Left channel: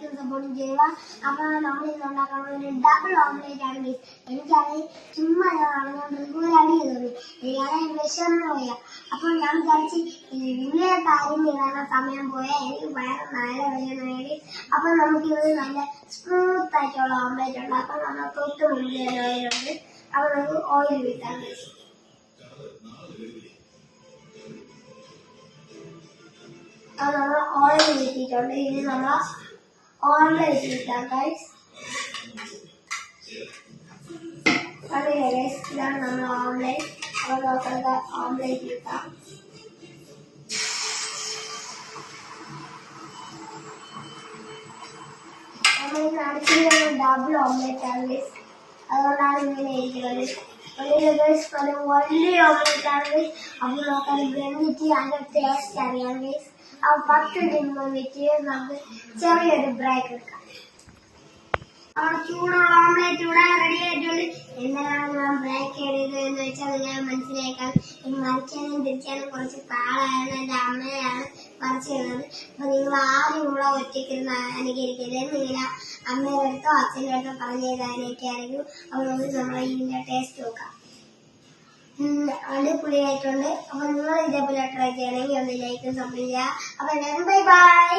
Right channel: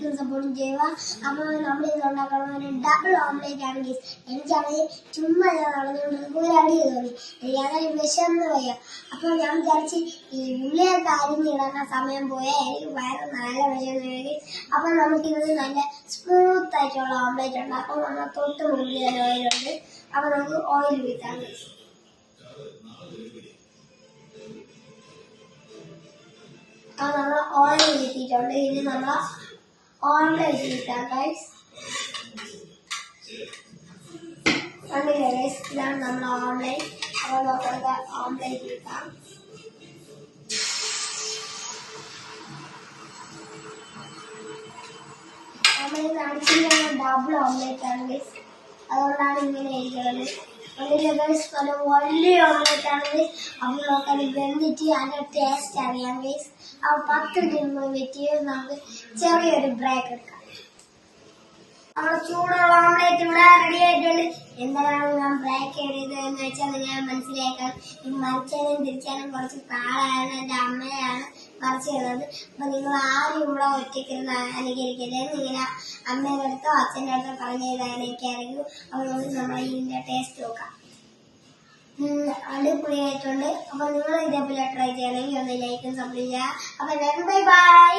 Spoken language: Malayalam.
ലൈക്കും സപ്പോർട്ടും ചെയ്യുക. അപ്പോൾ നമ്മൾ ഇത് ഉണ്ടാക്കണമെങ്കിൽ ഡബിൾ ഓംലേറ്റ് ആണ് ഗൈസ്. എനിക്കാണെങ്കിൽ ചുമ്മാ ഞാൻ നടന്നുകൊണ്ടിരിക്കുമ്പോൾ ഒരു അടി തോന്നി, എനിക്കാണെങ്കിൽ വിശന്ന് പോയ. അപ്പോൾ ഞാൻ വിചാരിച്ച് ഈ വലിയ കാര്യം ഇടാനുള്ള സമയം പോയാൽ എനിക്ക് വയറ് നല്ല വിശന്ന്. അപ്പോൾ നമുക്കിത് നല്ല സ്മൂത്ത് ആയിട്ടുള്ള ഓംലേറ്റ് ഉണ്ടാക്കാം. നമ്മൾ തൊട്ട് മുന്നിൽ തന്നെ ഓയിലുണ്ട്. അപ്പോൾ നമുക്ക് ഓയിൽ വീട്ടാം ഗൈസ്. അപ്പോൾ നമ്മൾ ഓയിൽ വീട്ടിയിട്ടുണ്ട്. ഇനി നമ്മൾ ഓംലേറ്റ് വീട്ടാം ഗൈസ്. കണ്ടില്ലേ ഗൈസ്, ഇതാണ് നമ്മൾ ഓംലേറ്റ്. അപ്പോൾ നമുക്ക് ഓംലേറ്റ് വീട്ടാം. നമ്മൾ നടത്തിയിരുന്ന ഡബിൾ ഓംലേറ്റ് ആണ് ഗൈസ്, അതുകൊണ്ടാണ് ഇങ്ങനെ ഇരിക്കുന്നത്. വലിയ ഓംലേറ്റ് ആണ് ഗൈസ്. അപ്പോൾ നമുക്കത് വെന്തിട്ട് അതിൻ്റെ ടേസ്റ്റ് അറിയാം ഗൈസ്. അപ്പോൾ 10 മിനിറ്റ് വെച്ച് നമുക്ക് ചെറിയൊരു ബ്രേക്ക് എടുക്കാം. അവിടെ ചൂടുള്ള ഓംലേറ്റ് ഇവിടെ റെഡി ആയിട്ടുണ്ട്. എന്തിനാണ് ഞാൻ ബ്രേക്ക് ചെയ്തത് എന്ന് വെച്ചാൽ നിങ്ങൾ മനസ്സിലാക്കാൻ, മറിച്ചാനും തിരിച്ചാനും കുറച്ച് പാടാണ്. എൻ്റെ അമ്മയാണ് മറിച്ച് തന്നത്. അപ്പോൾ നിങ്ങൾ ആരും ഇവിടെ ഒറ്റയ്ക്കിരുന്ന് അനുകരിക്കരുത്. നിങ്ങൾ അമ്മയുടെ അടുത്തോ അച്ഛൻ്റെ അടുത്തോ പറഞ്ഞു തരാനൊക്കെയായിരിക്കും. അതുകൊണ്ട് നമ്മൾ ഇതിൻ്റെ ടേസ്റ്റ് നോക്കാം. അടിപൊളിയായിട്ടുണ്ട്. അപ്പോൾ നിങ്ങൾ ഇതേപോലെ ട്രൈ ചെയ്യണമെങ്കിൽ ഒന്ന് ലൈക്കും സപ്പോർട്ട് ചെയ്യുക. അപ്പോൾ ബൈ ബൈ.